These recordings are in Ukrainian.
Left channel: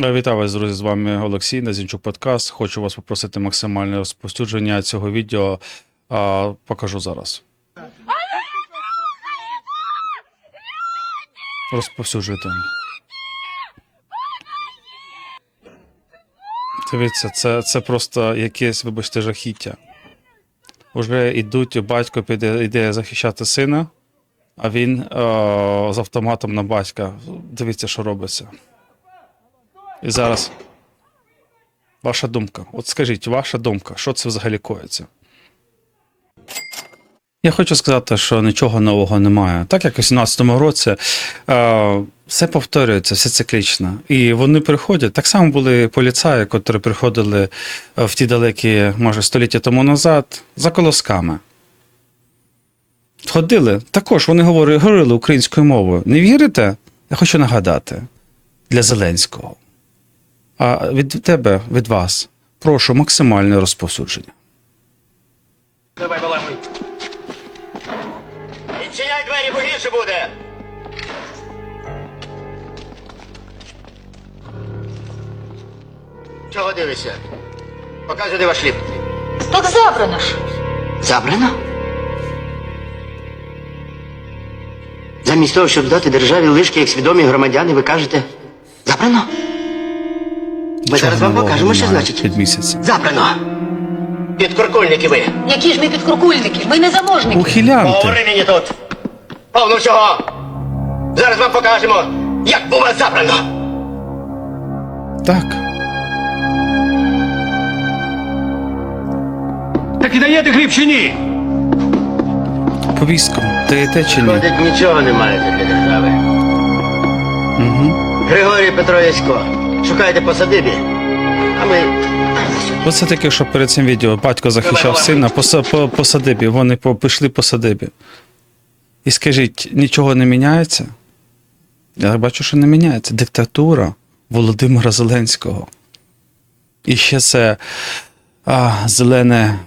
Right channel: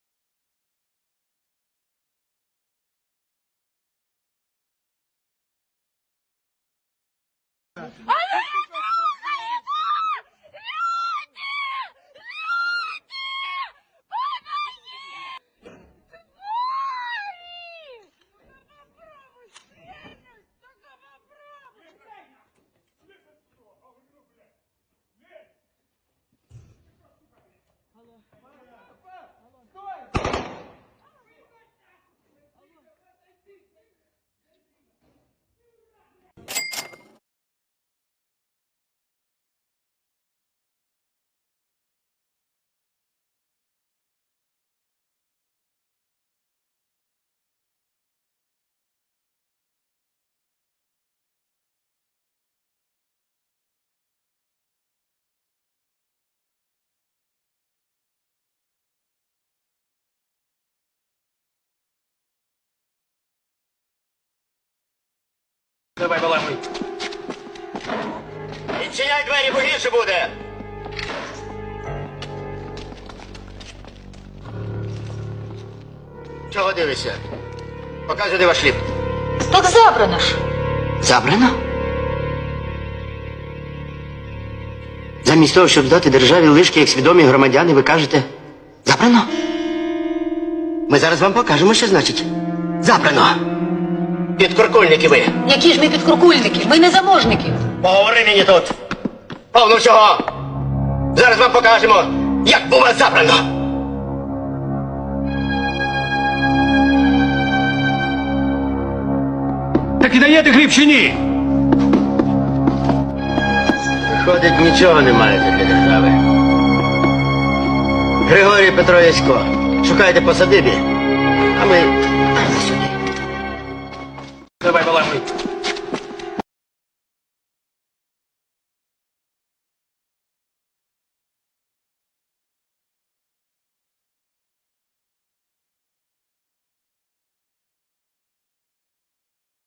Е, Вітаю вас, друзі! З вами Олексій Назінчук Подкаст. Хочу вас попросити максимальне розповсюдження цього відео. А, покажу зараз. Розповсюджуйте. Дивіться, це, це просто якесь, вибачте, жахіття. Уже йдуть, батько піде, йде захищати сина, а він е, з автоматом на батька. Дивіться, що робиться. І зараз. Ваша думка. От скажіть, ваша думка, що це взагалі коїться? Я хочу сказати, що нічого нового немає. Так як у 17-му році е, все повторюється, все циклічно. І вони приходять. Так само були поліцаї, котрі приходили е, в ті далекі, може, століття тому назад, за колосками. Ходили. Також вони говорили, говорили українською мовою. Не вірите? Я хочу нагадати для Зеленського. А від тебе, від вас, прошу максимальне розповсюдження. Давай, балакуй. Відчиняй двері, бо гірше буде. Чого дивишся? Показуй, де ваш хліб. Так забрано ж. Забрано? Замість того, щоб здати державі лишки як свідомі громадяни, ви кажете забрано? Ми зараз вам покажемо, що значить. Місяць. Забрано. Підкуркульники ви. Які ж ми підкуркульники? Ми не заможники. Поговори мені тут. Повно всього. Зараз вам покажемо, як було забрано. Так. Так і даєте хліб чи ні? Повістку. Даєте чи ні? Ходить, нічого не маєте для держави. Григорій Петро Ясько. Шукайте по садибі. А ми. Оце таке, що перед цим відео батько захищав сина по, по, по садибі. Вони по, пішли по садибі. І скажіть, нічого не міняється? Я бачу, що не міняється. Диктатура Володимира Зеленського. І ще це а, зелене.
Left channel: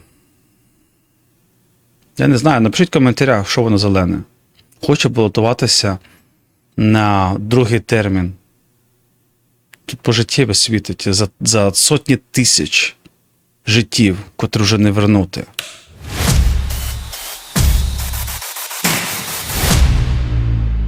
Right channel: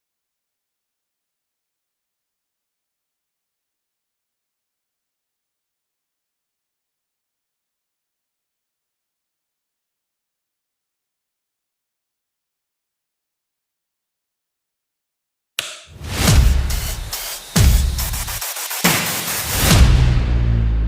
Я не знаю, напишіть в коментарях, що воно зелене. Хоче балотуватися на другий термін. Тут пожиттєве світить за, за сотні тисяч життів, котрі вже не вернути.